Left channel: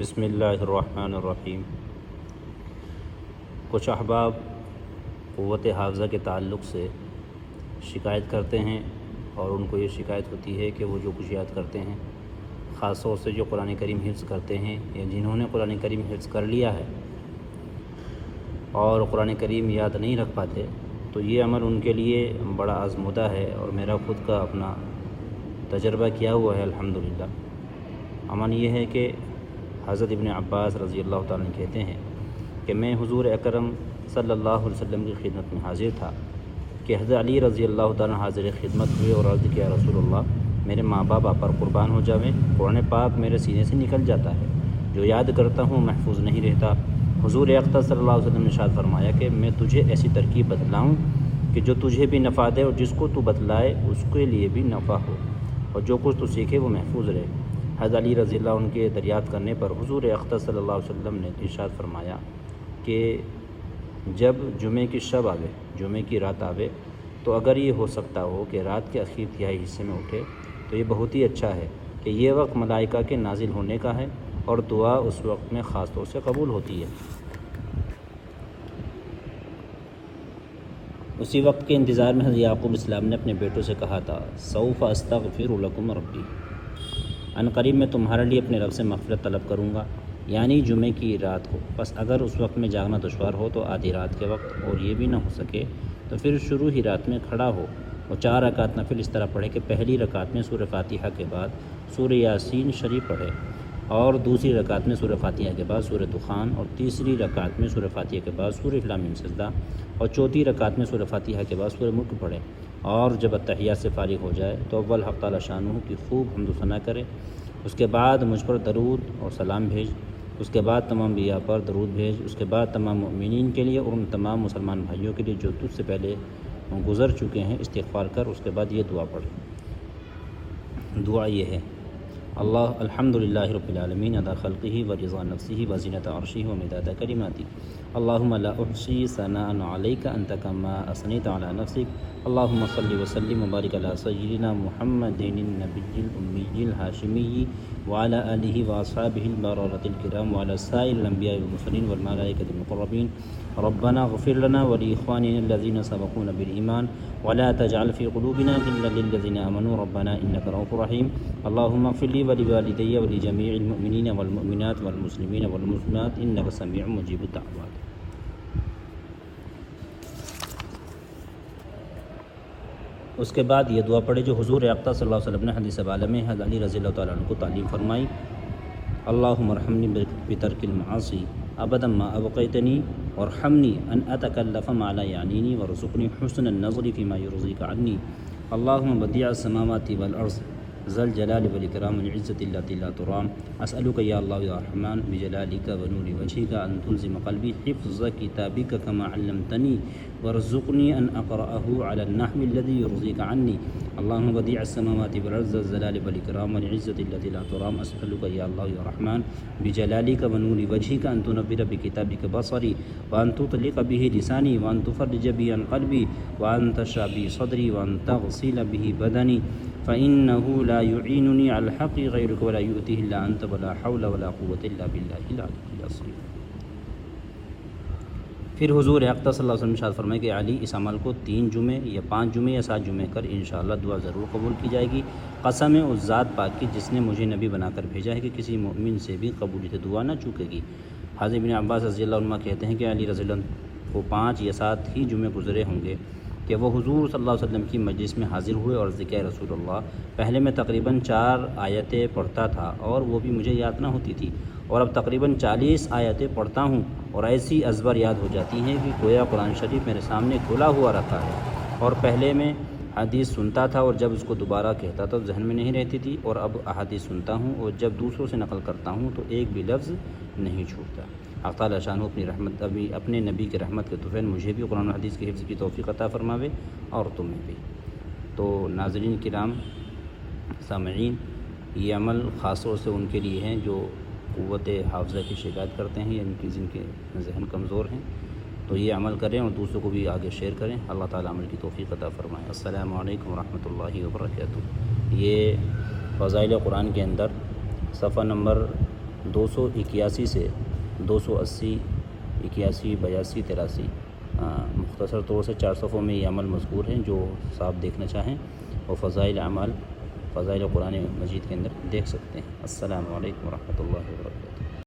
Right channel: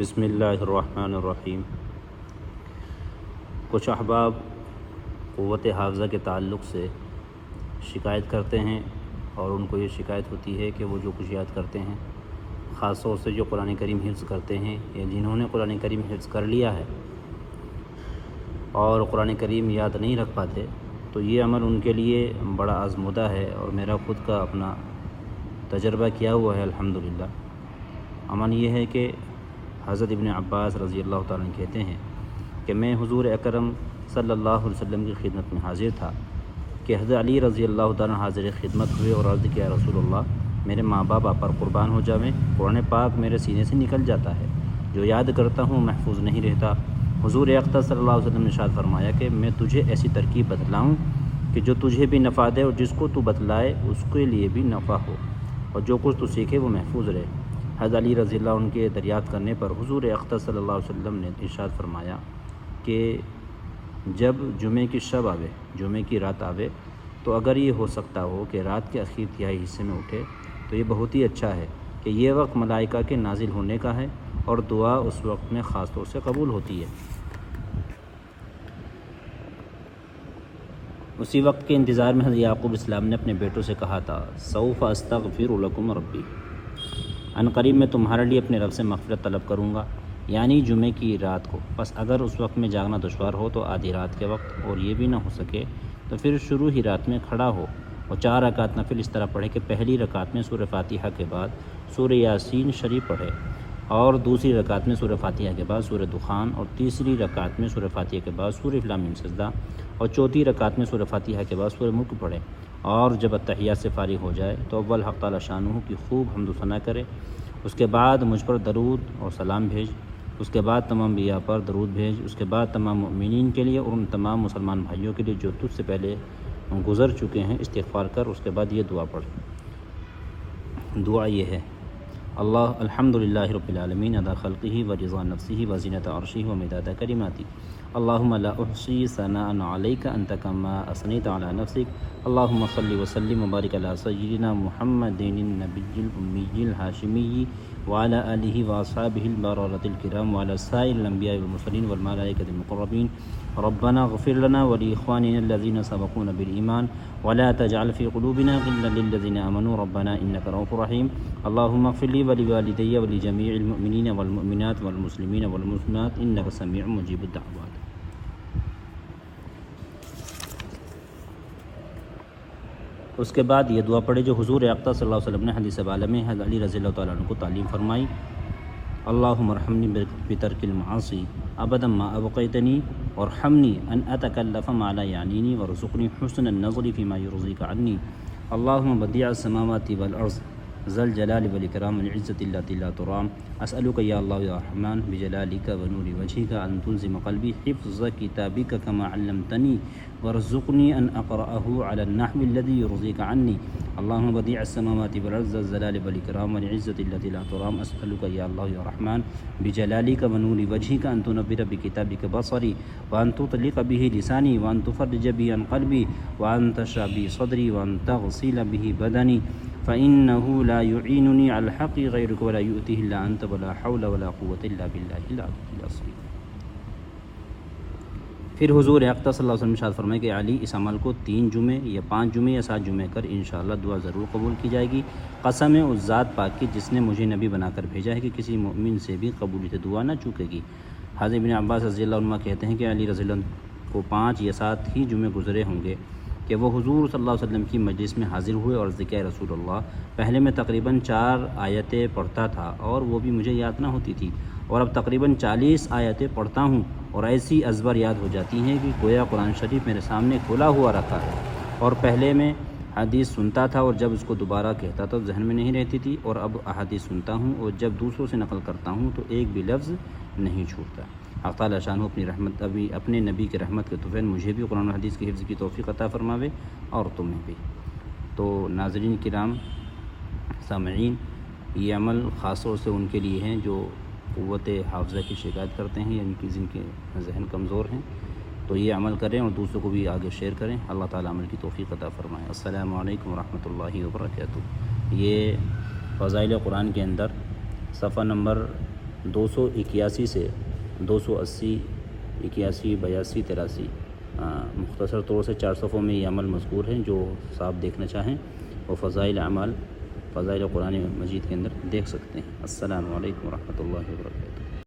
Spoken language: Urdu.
بسم اللہ الرحمن الرحیم۔ کچھ احباب قوت حافظہ کے تعلق سے شکایت کرتے ہیں اور ان کو یہ شکایت ہوتی ہے کہ وہ جو کچھ یاد کرتے ہیں، خاص طور سے جو قرآن کریم حفظ کرتے ہیں یا جنہوں نے قرآن کریم حفظ کر لیا ہے اور قرآن کریم یاد نہیں رکھ پاتے، تو یہ عمل ان کے لیے بڑا آزمودہ ہے اور میرا خود کا اپنا تجربہ کیا ہوا ہے الحمدللہ۔ عمل یہ ہے کہ حضرت ابن عباس رضی اللہ تعالیٰ کہتے ہیں کہ میں حضور اکرم صلی اللہ علیہ وسلم کی خدمت میں حاضر تھا کہ حضرت علی رضی اللہ تعالیٰ حاضر خدمت ہوئے اور عرض کیا رسول اللہ، میرے ماں باپ آپ پر قربان ہو جاویں، قرآن پاک میرے سینے سے نکل جاتا ہے، جو یاد کرتا ہوں محفوظ نہیں رہتا۔ حضور اکرم صلی اللہ علیہ وسلم نے ارشاد فرمایا کہ میں تجھے ایسی ترکیب بتلاؤں کہ جو تجھے بھی نفع دے اور جس کو تو بتلائے اس کے لیے بھی نفع ہو، اور جو کچھ تو سیکھے وہ محفوظ رہے۔ حضرت علی رضی اللہ عنہ کے دریافت کرنے پر حضور اکرم صلی اللہ علیہ وسلم نے ارشاد فرمایا کہ جب جمعے کی شب آوے، جمعے کی رات آوے، تو اگر یہ ہو سکتا ہو کہ رات کے اخیر تہائی حصے میں اٹھے تو یہ بہت ہی اچھا ہے کہ یہ وقت ملائکہ کے نازل ہونے کا ہے اور دعا اس وقت میں خاص طور سے قبول ہوتی ہے۔ اسی وقت کے انتظار میں حضرت یعقوب السلام نے اپنے بیٹوں سے کہا تھا، سوف استغفر لکم ربی، ان قریب میں تمہارے لیے اپنے رب سے مغفرت طلب کروں گا، یعنی جمعے کی رات کو۔ بس اگر اس وقت میں جاگنا دشوار ہو تو آدھی رات کے وقت، اور یہ بھی نہ ہو سکے تو پھر شروع ہی رات میں کھڑا ہو اور 4 رکعت نفل اس طرح پڑھے کہ پہلی رکعت میں سورہ فاتحہ کے بعد سورہ یاسین شریف پڑھے، اور دوسری رکعت میں سورہ فاتحہ کے بعد سورہ دخان، اور تیسری رکعت میں سورہ فاتحہ کے بعد سورہ لام میم سجدہ، اور چوتھی رکعت میں سورہ فاتحہ کے بعد سورہ ملک پڑھے، اور جب اتحیات سے فارغ ہو جائے تو اول حق تعالی شانہ کی خوب حمد و ثنا کرے، اس کے بعد مجھ پر درود اور سلام بھیج، اس کے بعد تمام انبیاء پر درود بھیج، اس کے بعد تمام مؤمنین کے لیے اور ان تمام مسلمان بھائیوں کے لیے جو تجھ سے پہلے گزر چکے ہیں استغفار کر۔ اس کے بعد یہ دعا پڑھ۔ دعا یہ ہے، اللہ الحمدللہ رب العالمین عدد خلقہ و رضا نفسہ و زینت عرشہ و مداد کلماتہ، اللہم لا احصی ثناء علیک انت کما اثنیت علی نفسک، اللہم صلی وسلم وبارک علی سیدنا محمد النبی الامی الہاشمی وعلى آلہ واصحابہ البررۃ الکرام وعلى سائر الانبیاء والمرسلین والملائکۃ المقربین، ربنا اغفر لنا ولاخواننا الذین سبقونا بالایمان ولا تجعل في قلوبنا غلا للذین آمنوا ربنا انک رؤوف رحیم، اللهم اغفر لي ولوالدي ولجميع المؤمنين والمؤمنات والمسلمين والمسلمات انك سميع مجيب الدعوات۔ اس کے بعد یہ دعا پڑھے جو حضور اقدس صلی اللہ علیہ وسلم نے حدیث والا میں حضرت علی رضی اللہ تعالیٰ عنہ کو تعلیم فرمائی، اللہم ارحمنی بترک المعاصی ابدا ما ابقیتنی وارحمنی ان اتکلف ما لا یعنینی وارزقنی حسن النظر فیما یرضیک عنی، اللہم بدیع السماوات والارض ذا الجلال والاکرام والعزة التي لا ترام، اسألك یا اللہ یا رحمن بجلالک ونور وجهک ان تلزم قلبی حفظ کتابک کما علمتنی وارزقنی ان اقرأه على النحو الذي يرضيك عني، اللهم بديع السماوات والارض ذا الجلال والاكرام والعزة التي لا ترام، اسألك يا الله يا رحمن بجلالك ونور وجهك ان تنور بكتابك بصري وان تطلق به لساني وان تفرج به عن قلبي وان تشرح به صدري وان تغسل به بدني، فإنه لا يعينني على الحق غيرك ولا يؤتيه إلا أنت ولا حول ولا قوة إلا بالله العلي العظيم۔ پھر حضور اقدس صلی اللہ علیہ وسلم ارشاد فرمائے کہ علی اس عمل کو 3 جمعے یا 5 جمعے یا 7 جمعے کر انشاءاللہ دعا ضرور قبول کی جائے گی، قسم ہے اس ذات پاک کی جس نے مجھے نبی بنا کر بھیجا ہے کہ کسی مومن سے بھی قبولیت دعا نہ چوکے گی۔ حضرت ابن عباس رضی اللہ عنہ کہتے ہیں کہ علی رضی اللہ عنہ کو 5 یا 7 ہی جمعے گزرے ہوں گے کہ وہ حضور صلی اللہ علیہ وسلم کی مجلس میں حاضر ہوئے اور ذکر رسول اللہ، پہلے میں تقریباً 4 آیتیں پڑھتا تھا اور وہ بھی مجھے یاد نہ ہوتی تھی، اور اب تقریباً 40 آیتیں پڑھتا ہوں اور ایسی ازبر یاد ہو جاتی ہیں کہ گویا قرآن شریف میرے سامنے کھلا ہوا رکھا ہے، اور پہلے میں حدیث سنتا تھا اور جب اس کو دوبارہ کہتا تو ذہن میں نہیں رہتی تھی، اور اب احادیث سنتا ہوں اور جب دوسروں سے نقل کرتا ہوں تو ایک بھی لفظ نہیں چھوٹتا۔ حق تعالی شانہ اپنی رحمت ابھی اپنے نبی کے رحمت کے طفیل مجھے بھی قرآن و حدیث کی حفظ کی توفیق عطا فرماوے اور تمہیں بھی۔ تو ناظرین کرام، سامعین، یہ عمل خاص طور سے ان کے لیے ہیں جو قوت حافظہ کی شکایت کرتے ہیں یا ان کی جن کی ذہن کمزور ہیں، تو یہ عمل کریں اور دوسروں کو بھی آگے شیئر کریں۔ اللہ تعالیٰ عمل کی توفیق عطا فرمائے۔ السلام علیکم ورحمۃ اللہ وبرکاتہ۔ یہ فضائل قرآن کے اندر صفحہ نمبر 281 سے 280 81 82 83 مختصر طور سے 4 صفحوں میں یہ عمل مذکور ہیں، جو صاحب دیکھنا چاہیں وہ فضائل اعمال فضائل قرآن مجید کے اندر دیکھ سکتے ہیں۔ السلام علیکم ورحمۃ اللہ وبرکاتہ۔